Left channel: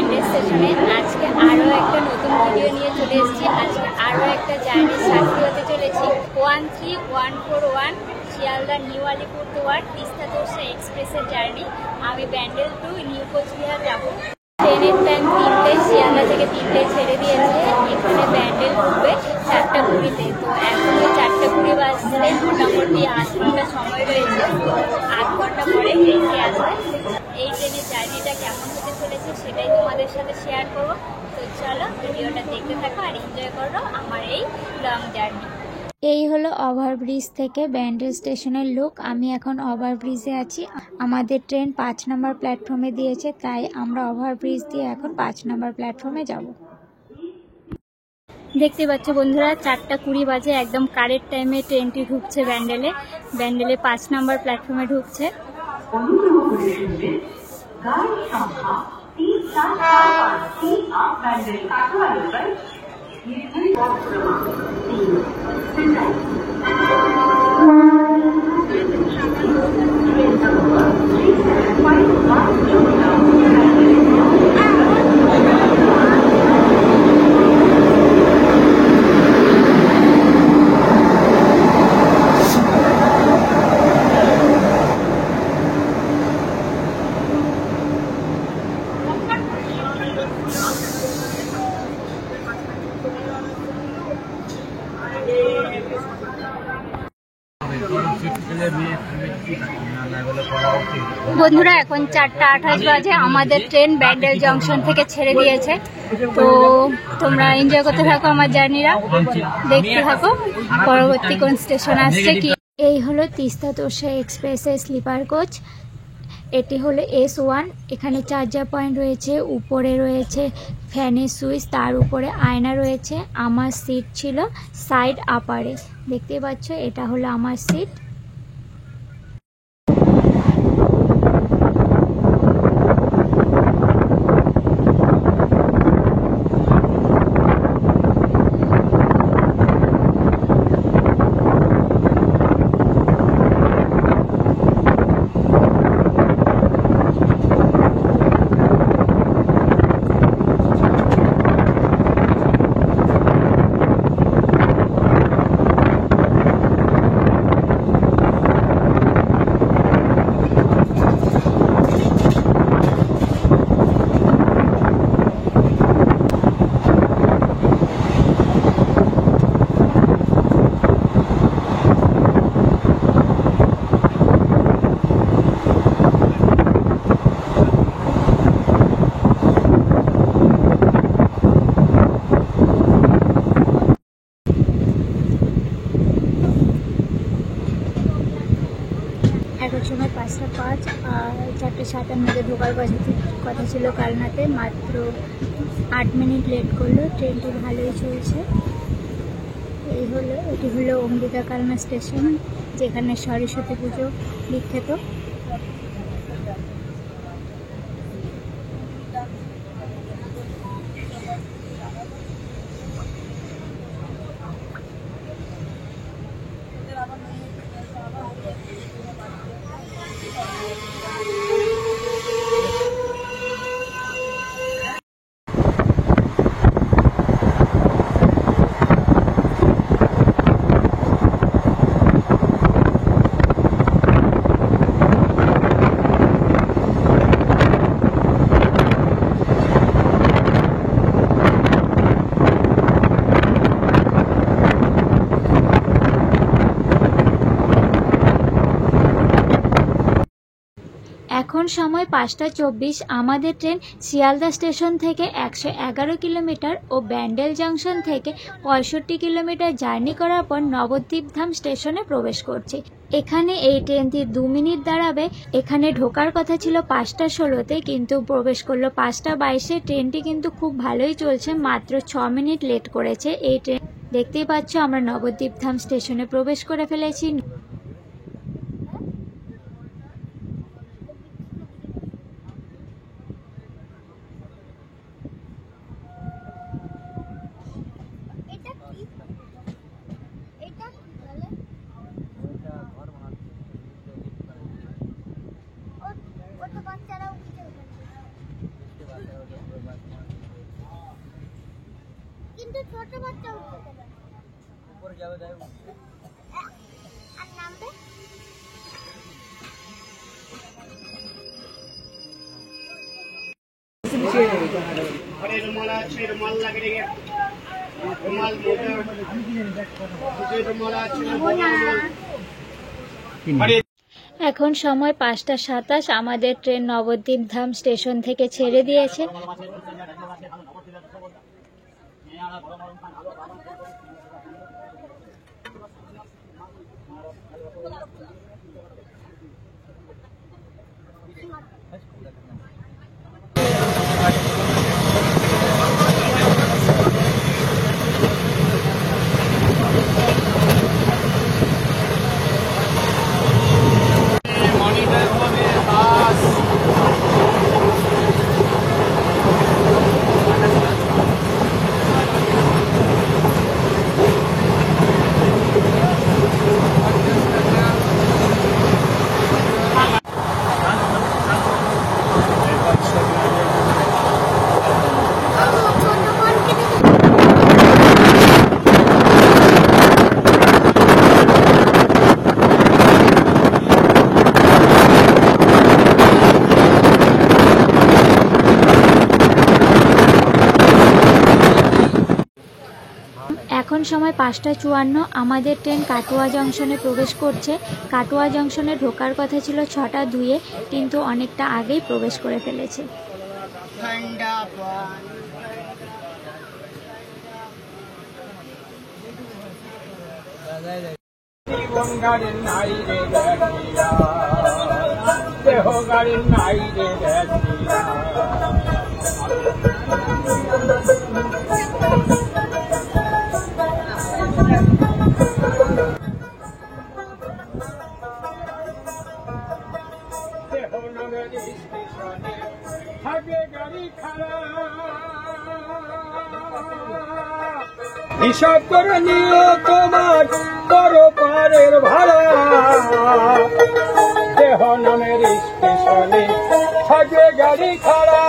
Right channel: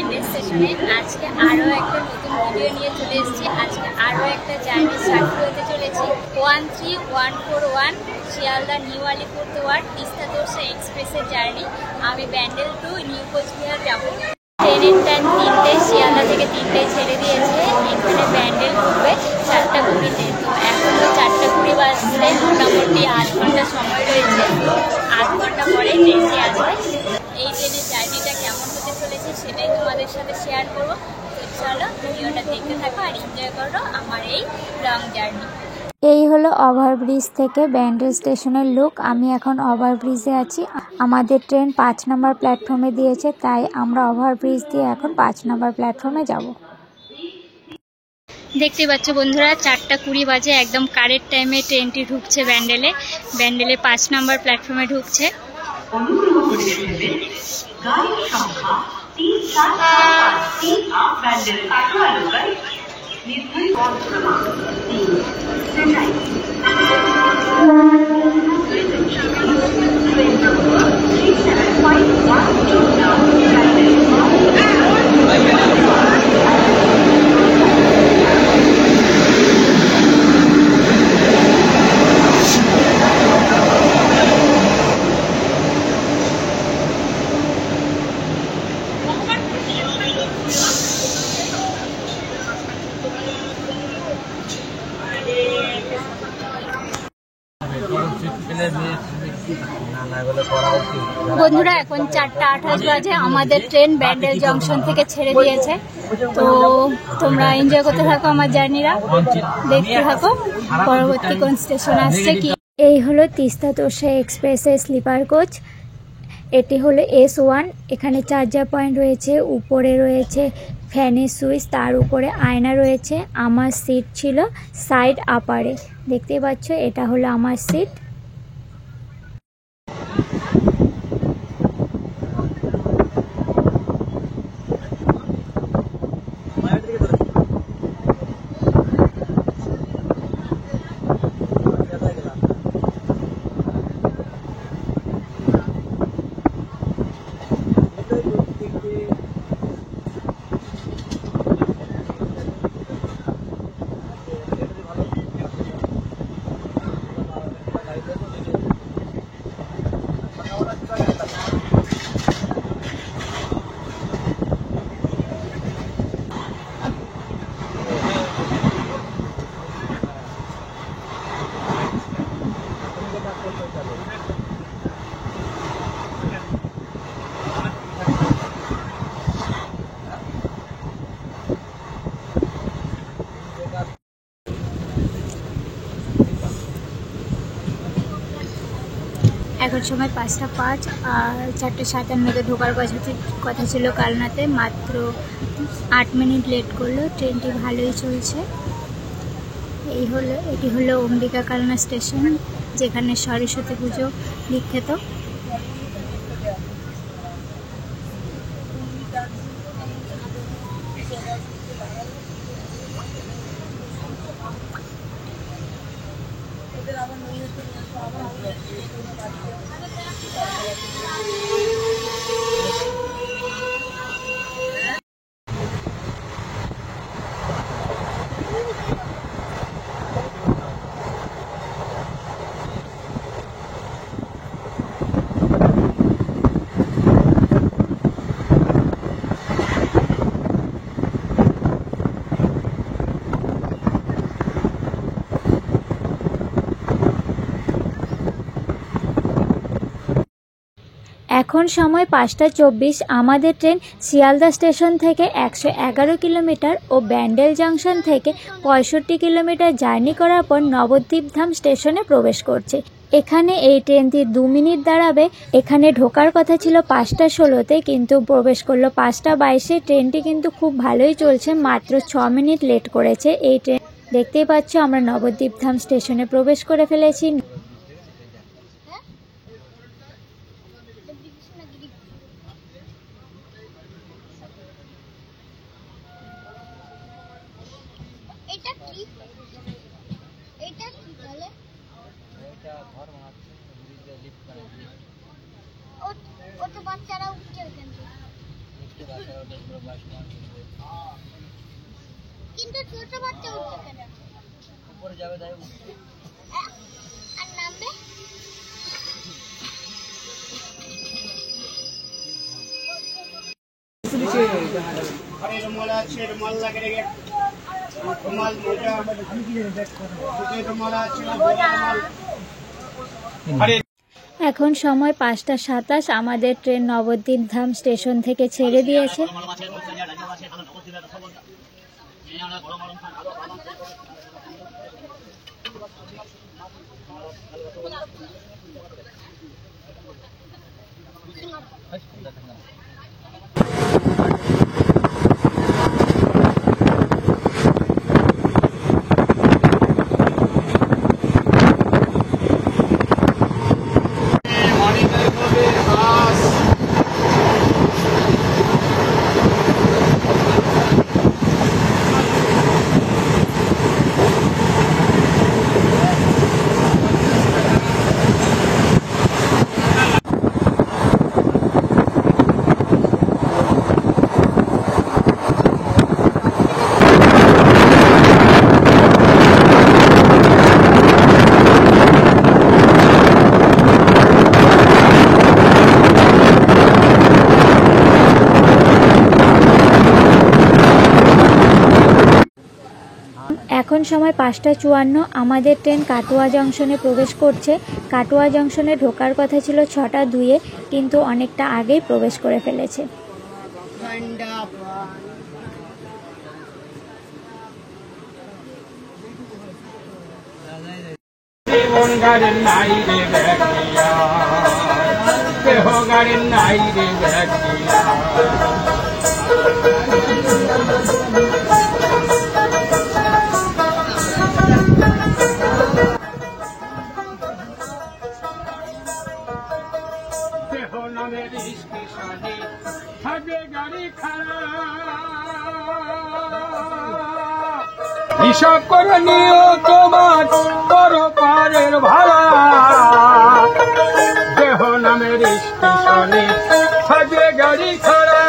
ব্যান্ডেল স্টেশনে। আজকে আরও একটা নতুন ভিডিও নিয়ে চলে এসেছি। আজকে আরও একটা জার্নির সাথী হতে চলেছি। 13141 শিয়ালদা নিউ আলিপুরদুয়ার তিস্তা তোরসা এক্সপ্রেসের জার্নি। আমি ব্যান্ডেল টু নিউ কোচবিহার যাব। ট্রেনের টাইম 3টে, শিয়ালদা থেকে 3টে ছেড়ে দিয়েছে। এখানে ব্যান্ডেল ঢুকবে 4টা 20-তে। তো এখনও 4টা 20 বাজতে মোটামুটি 8 ঘন্টা সময় রয়েছে। 8 ঘন্টা পরে ট্রেনটি আসবে। এই ট্রেনের জার্নিটা কেমন হতে চলেছে সেটাই তোমাদের সাথে শেয়ার করবো। তো চলো ভিডিওটা দেখতে থাকো আর এনজয় করো আমার এই লং জার্নি। এই হলো ওভারব্রিজ থেকে ব্যান্ডেল স্টেশনের লুক। আমি এখন ওভারব্রিজে আছি। আমাদের ট্রেন 5 নম্বর প্ল্যাটফর্মে দিয়েছে, তাই আমরা ওভারব্রিজ দিয়ে এখন 5 নম্বর প্ল্যাটফর্মে যাব। দেখতে পাচ্ছ বন্ধুরা, 4টা 20 বাজে, একদম কারেক্ট টাইমে ট্রেনটি ঢুকছে ব্যান্ডেলে। ব্যান্ডেলে 5 নম্বর প্ল্যাটফর্মে ঢুকছে। বন্ধুরা এখন 4টা 28 বাজে। আমাদের ট্রেন ব্যান্ডেল জংশন থেকে ছেড়ে দিয়েছে। তো তোমরা এনজয় করতে থাকো আমার জার্নিরা, দেখতে থাকো পরবর্তী কোন স্টেশন আসছে কি। এই হলো তিস্তা তোরসা এক্সপ্রেসের স্লিপার কোচ। এটি হলো S1। এখানে চার্জার পয়েন্ট রয়েছে, উপরে রয়েছে ফ্যানের সুইচ, তার উপরে আয়না রয়েছে। আমার সিট ছিল সাইড আপারে, দেখতে পাচ্ছ এটা হলো আমার সিট। এখন সময় 5টা 5 আর 4টা 57-তে ঢোকার কথা ছিল কালনাতে। মাত্র 8 মিনিট লেট করলো। ট্রেনটি ভালোই চলছে। এটি হলো অম্বিকা কালনা স্টেশন, যেখানে সরস্বতী পুজো বিখ্যাত। এখন সময় 5টা 24। আমাদের ট্রেন শিয়ালদা স্টেশন থেকে 111 কিলোমিটার ও ব্যান্ডেল জংশন থেকে 65 কিলোমিটার জার্নি করার পর নবদ্বীপধাম স্টেশনে প্রবেশ করছে। এখানে এই ট্রেনটি 2 মিনিট দাঁড়াবে। এখানে ঢোকার কথা ছিল 5টা 16-তে, কিন্তু প্রবেশ করলো 5টা 22-এ। ট্রেনটি কিন্তু খুব ভালোই চলছে, মাত্র 6 মিনিট লেট করেছে এই ট্রেন। দেখতেই পাচ্ছ আমরা নবদ্বীপধাম স্টেশনে প্রবেশ করে ফেলেছি। ছোট বাচ্চা উঠছে কেন? উপরে যাবে তাই আর নামবে। আরে রুমাল আছে, রুমাল লাগে রে। রুমাল মোটা। রুমাল আছে না বড় রুমাল। এখন সময় 5:27। আমাদের ট্রেন নবদ্বীপ ধাম স্টেশন থেকে ছেড়ে দিয়েছে। এখন সময় 5:54। আমাদের ট্রেন কাটোয়া জংশনে প্রবেশ করছে। কাটোয়া জংশনে ঢোকার কথা ছিল 6:02, কিন্তু অনেকটা আগেই প্রবেশ করে ফেলেছে। হিসাব করে নিও তোমার পরপারের ভাড়া, দেহ নামের স্টেশনে থাকবে গাড়ি খাড়া।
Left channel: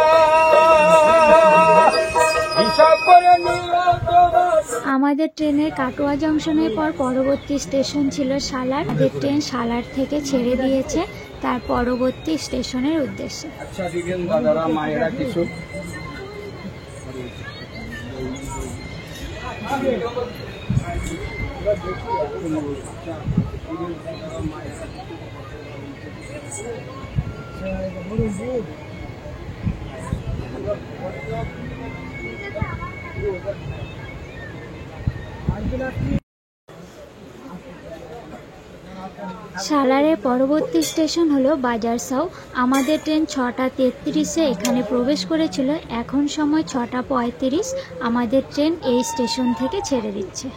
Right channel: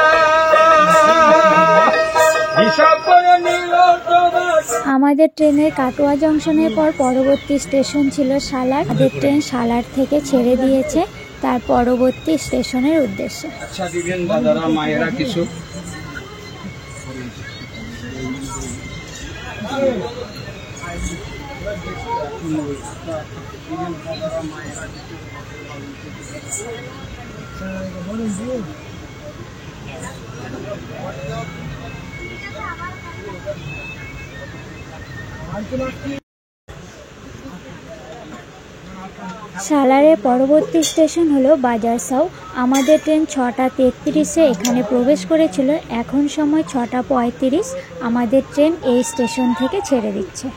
হিসাব করে নিও তোমার। আমাদের ট্রেনের কাটোয়া জংশনের পর পরবর্তী স্টেশন ছিল সালার। আমাদের ট্রেন সালার থেকে ছেড়ে দিয়েছে তার পরবর্তী স্টেশনের উদ্দেশ্যে। আচ্ছা দিবেন দাদারা মায়েরা কিছু। সালারের পরবর্তী স্টেশন হলো বাজারসাউ। আমাদের ট্রেন 6:33-এ এখানে প্রবেশ করেছিল। এখন সময় 6:35। আমাদের ট্রেন এই স্টেশন থেকে ছেড়ে দিচ্ছে।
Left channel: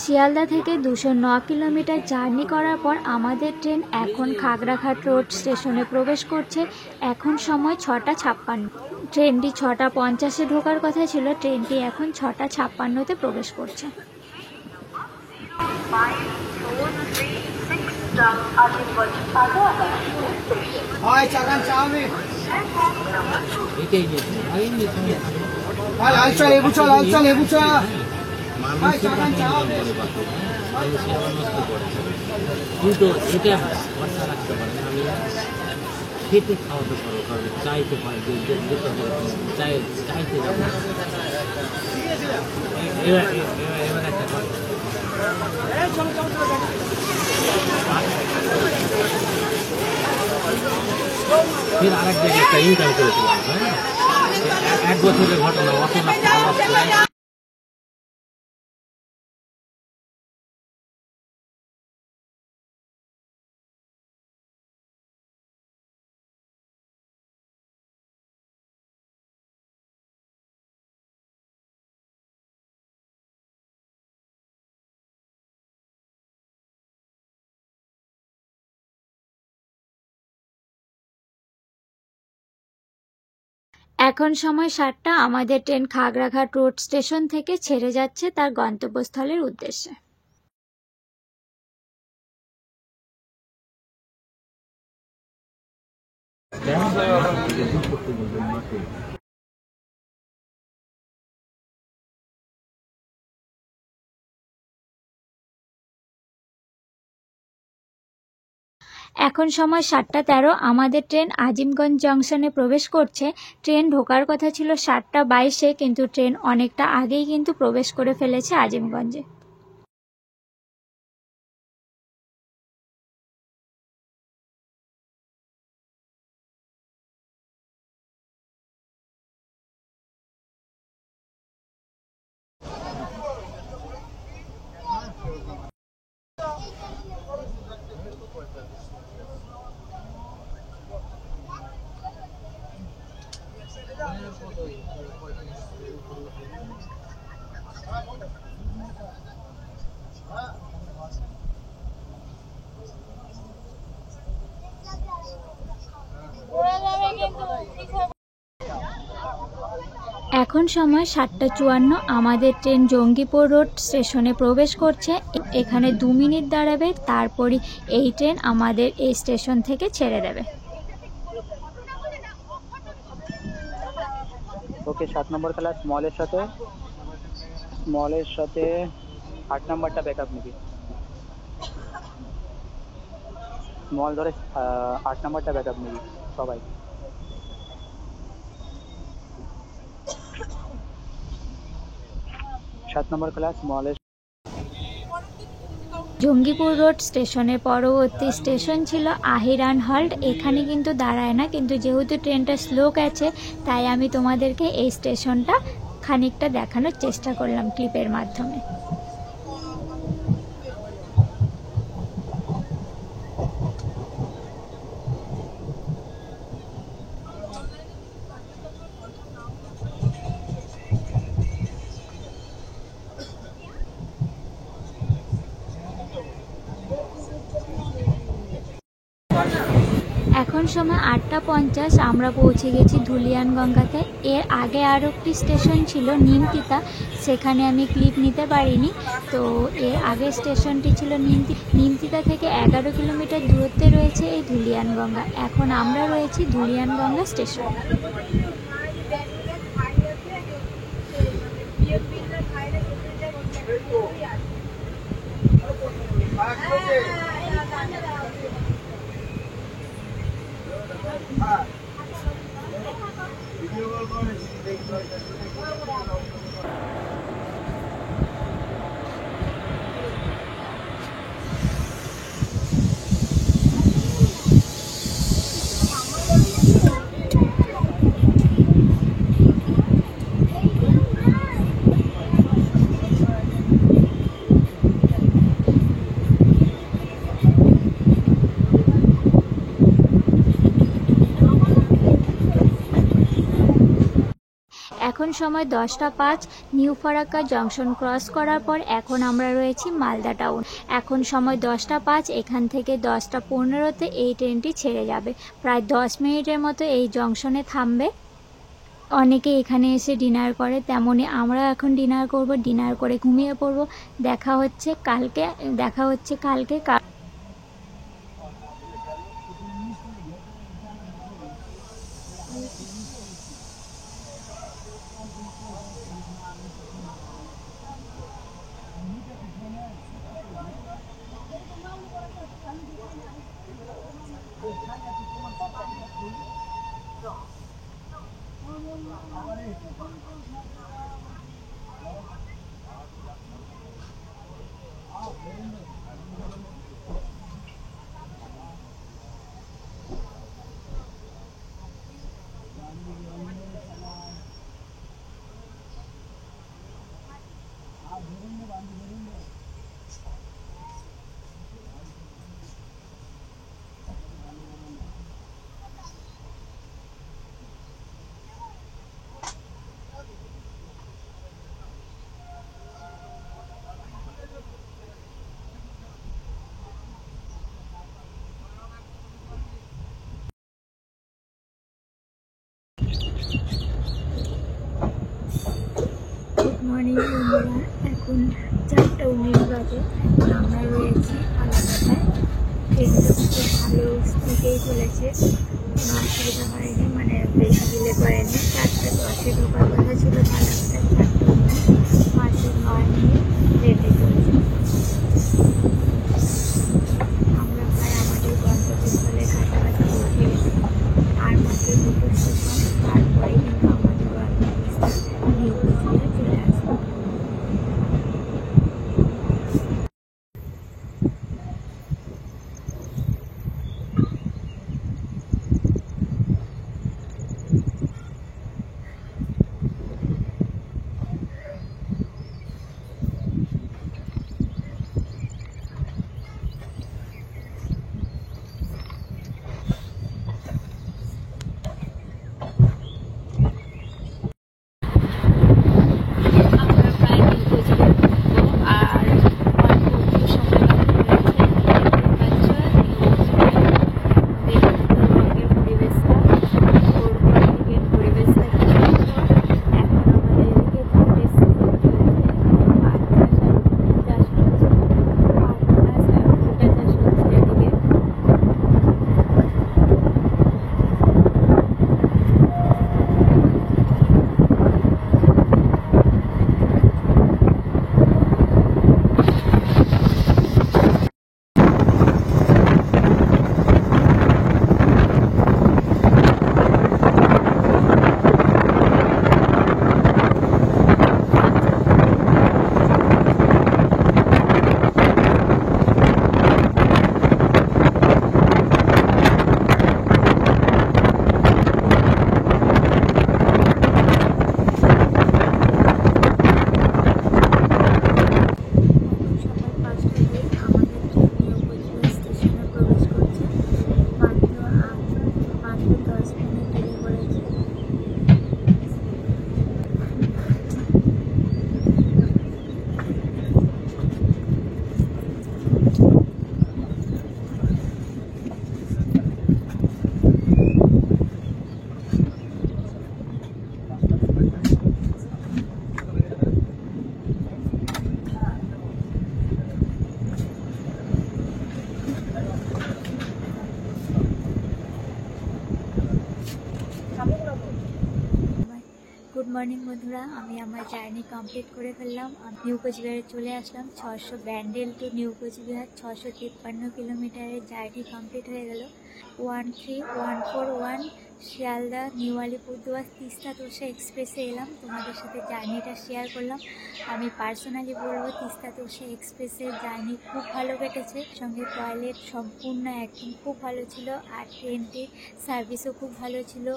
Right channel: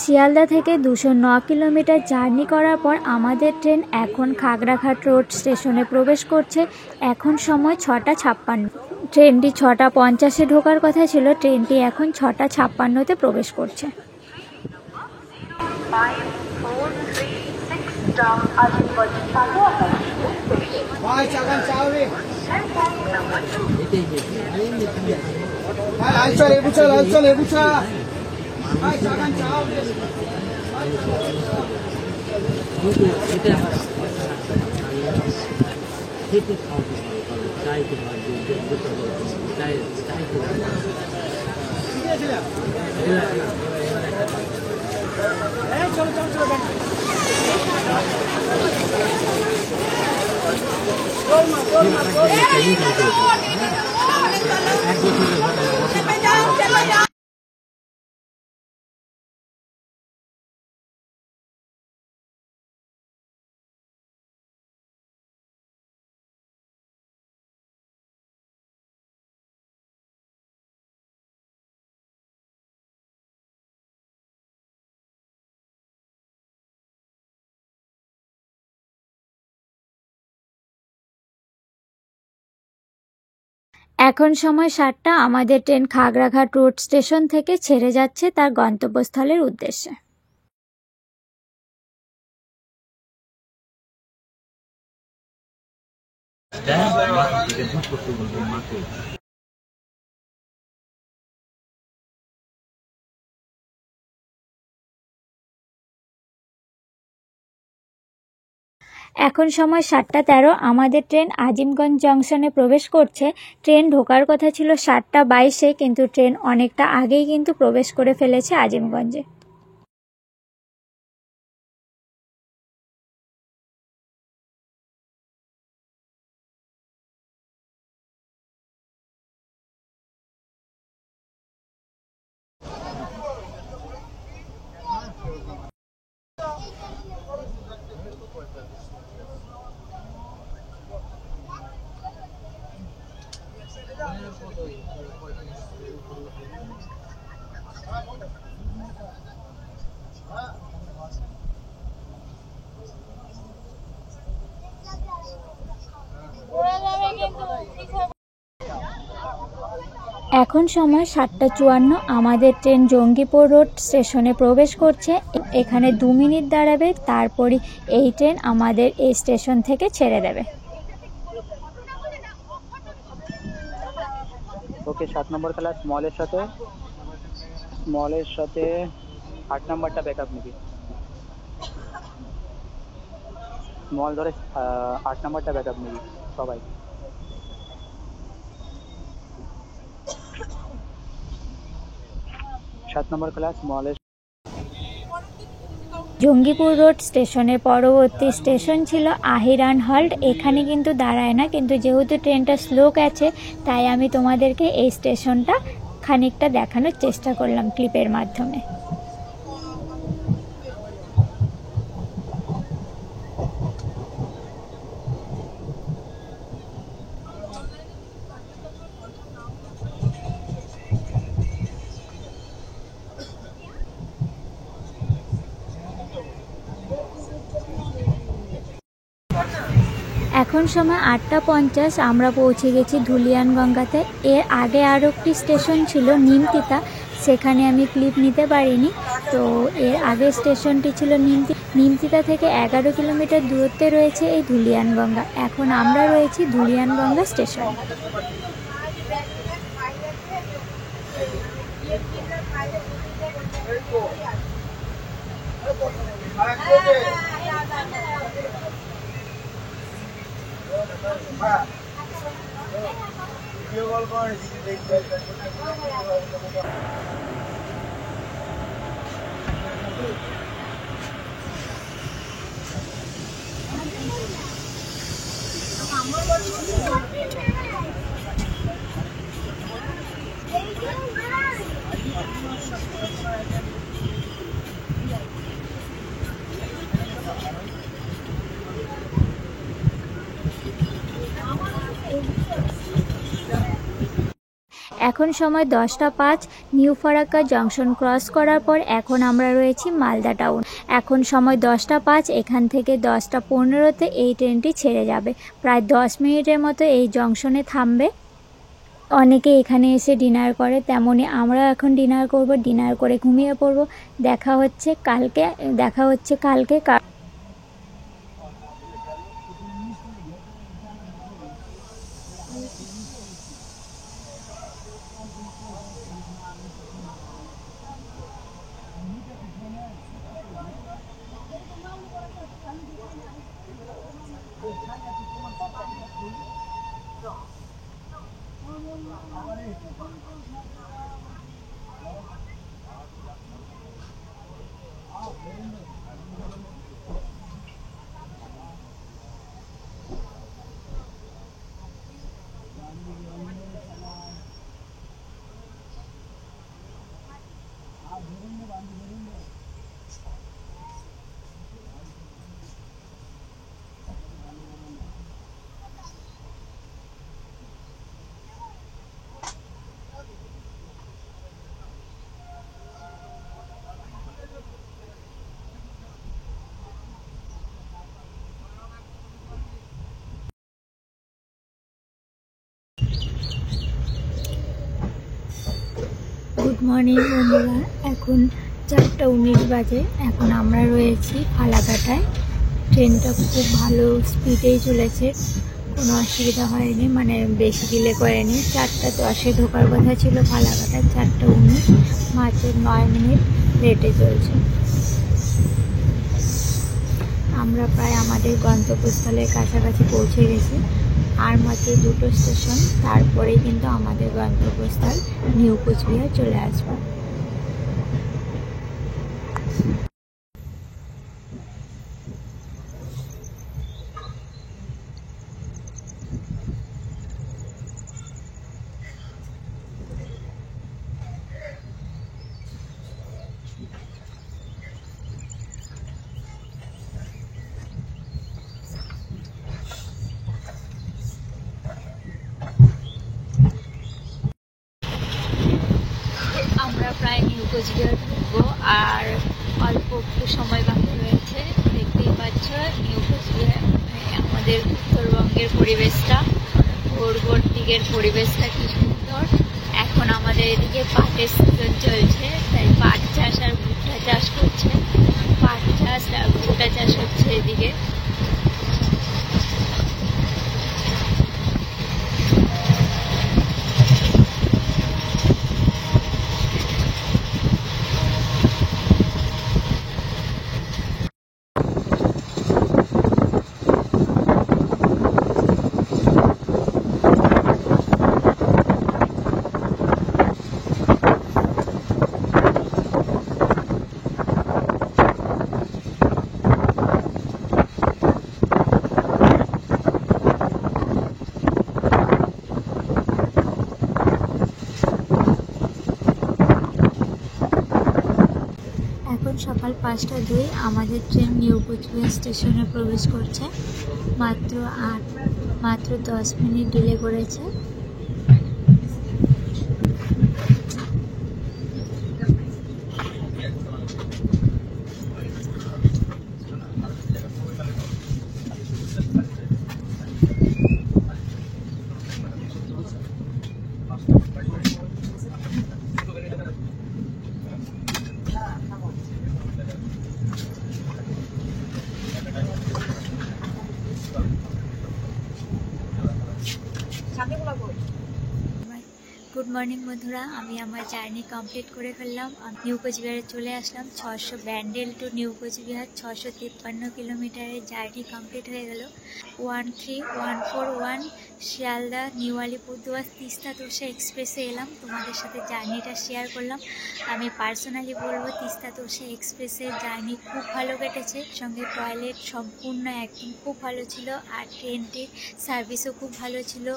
শিয়ালদা থেকে 209 কিলোমিটার জার্নি করার পর আমাদের ট্রেন এখন খাগড়াঘাট রোড স্টেশনে প্রবেশ করছে। এখন সময় 6:56। ট্রেনটি 6:50-এ ঢোকার কথা ছিল, ট্রেনটি এখন 6:56-তে প্রবেশ করছে। খেতে খাওয়াতে পারবে, চাইতে পারবে, চাইতে পারবে। এবার একটা আরেক জায়গায় একটা ইনকাম করেছিলাম, হ্যাঁ 1 বছরের ঘটনা। এখন সময় 7টা। আমাদের ট্রেন খাগড়াঘাট রোড স্টেশন থেকে ছেড়ে যাচ্ছে তার গন্তব্যস্থলের উদ্দেশ্যে। এখন সময় 7টা 13। আমাদের ট্রেন আজিমগঞ্জ জংশনে প্রবেশ করছে। ট্রেন ঢোকার কথা ছিল 7টা 22-এ, কিন্তু ট্রেন অনেকটা আগেই কিন্তু প্রবেশ করে ফেলেছে আজিমগঞ্জে। এখন সময় 7টা 54। আমাদের ট্রেন জঙ্গিপুর রোড স্টেশনে প্রবেশ করছে। এখানে 2 মিনিট দাঁড়াবে, তারপরই এই ট্রেন আমাদের এই স্টেশন থেকে ছেড়ে দেবে। ওকে, 7 নম্বর ক্লাস স্মলের সাথে 8 নাম্বারটা ব্যাকআপ নিবি। স্মল ধরে 8 নাম্বারটা ব্যাকআপ নিবি সবাই। নম্বর ক্লাস স্মলের জঙ্গিপুর রোড স্টেশনের পরবর্তী স্টেশন ছিল আহিরান হল্ট। এখানে কিন্তু দাঁড়ায় না, কিন্তু যেহেতু ট্রেনটা স্লো গেছে তাই আমি তোমাদেরকে এই স্টেশনটা খানিকটা দেখানোর চেষ্টা করলাম ক্লিপের মাধ্যমে। এখন সময় 8টা 50। আমরা পৌঁছে গেছি ধুলিয়ানগঙ্গাতে। এর আগে আরও একটি স্টেশন ছিল নিমতিতা, সেখানে আমি ক্লিপ নিতে পারিনি। তো এর আগের স্টেশনটি ছিল নিমতিতা থেকে 11 কিলোমিটার দূরত্বে রয়েছে এই ধুলিয়ানগঙ্গা। এখন আমরা রয়েছি ধুলিয়ানগঙ্গা স্টেশন। এখন সময় 10টা 5। নিউ ফারাক্কা জংশন ক্রস করার পর এখন আমরা রয়েছি মালদা টাউন। এখন সময় 10টা 5। এখান থেকে 10টা 15-তে এই ট্রেনটি ছেড়ে যাবে। প্রায় 10 মিনিটের মতো এই জংশনে থামবে। অনেকে এখানে এসে ডিনার করে, তেমনি আমরা এখন ডিনার করব। ডিনার করে ঘুমিয়ে পড়ব। দেখা হচ্ছে কালকে। মর্নিং বন্ধুরা, এখন 4:19 বাজে। এখন আমরা রয়েছি ফালাকাটায়। ট্রেনটা খুব ভালো স্পিডেই চলেছে, কোনো অসুবিধা হয়নি, মানে বেশি ডিলে করেনি। 4:10-এ ঢোকার কথা ছিল ফালাকাটায়, 4:19, মাত্র 9 মিনিট লেটে চলছে। আমরা প্রায় আমাদের গন্তব্যস্থলের কাছাকাছি পৌঁছে গেছি, আর মাত্র 2টো স্টেশন, তারপরে কিন্তু আমাদের গন্তব্যস্থল নিউ কোচবিহার চলে আসবো। আমরা প্রায় নিউ কোচবিহার ঢুকবো, আর অল্প একটু সময় বাকি রয়েছে। দেখতেই পাচ্ছ নিউ কোচবিহার, আমাদের উত্তরবঙ্গের পরিবেশটা, ভোর দিকের পরিবেশটা কি সুন্দর। এখন আমাদের এদিকে পাটের সিজন চলছে, তাই পাট চাষ আর ভুট্টা চাষ করছে। পাট চাষ আর ভুট্টা চাষ হচ্ছে এদিকে। সকাল 5:02 আমাদের ট্রেন নিউ কোচবিহার স্টেশনে প্রবেশ করছে। মাত্র 10 মিনিট ডিলে করেছে। গুড মর্নিং বন্ধুরা, আমি আমার জার্নি কমপ্লিট করে ফেললাম। নিউ কোচবিহারে চলে আসলাম। 600 ব্যান্ডেল টু নিউ কোচবিহার 653 কিলোমিটারের জার্নি কমপ্লিট হয়ে গেল। 13141 শিয়ালদা নিউ আলিপুরদুয়ার তিস্তা তোরসা এক্সপ্রেসে এলাম, তোমাদের সাথে জার্নিটা শেয়ার করলাম। আমি পার্সোনালি বলবো তিস্তা তোরসা এক্সপ্রেসের জার্নি খুব ভালো কেটেছে। সঙ্গে টয়লেট সম্পূর্ণ একদম খুব ভালো ছিল, আর ট্রেনটির সার্ভিসও খুব ভালো ছিল।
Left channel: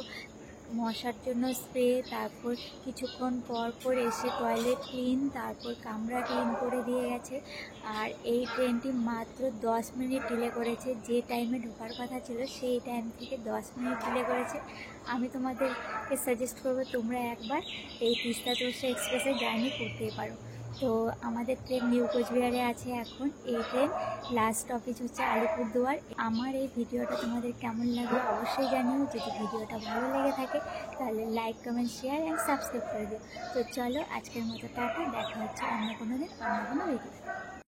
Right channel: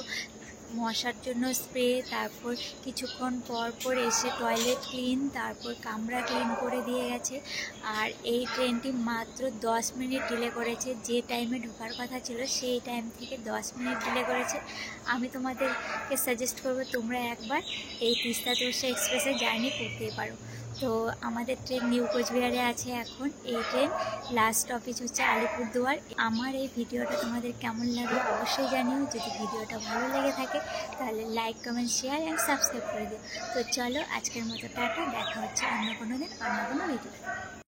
মশার জন্য স্প্রে, তারপর কিছুক্ষণ পর এসে টয়লেট ক্লিন, তারপর কামরা ক্লিন করে দিয়ে গেছে। আর এই ট্রেনটি মাত্র 10 মিনিট ডিলে করেছে, যে টাইমে ঢোকার কথা ছিল সেই টাইম থেকে 10 মিনিট ডিলে করেছে। আমি তোমাদেরকে সাজেস্ট করবো তোমরা একবার এই তিস্তা তোরসা এক্সপ্রেসে জার্নি করতেই পারো। তো আমাদের ট্রেন নিউ কোচবিহারে আছে এখন। এই ট্রেন লাস্ট স্টপেজ হচ্ছে আলিপুরদুয়ার। আমার এই ভিডিওটা তোমাদের কেমন লাগলো অবশ্যই জানিও। যদি ভিডিওটা ভালো লেগে থাকে তাহলে like, comment, share and subscribe করে দিও। তো চলো আজকের মতো টাটা, দেখা হচ্ছে অন্য কোনো দিন অন্য কোনো ভিডিও।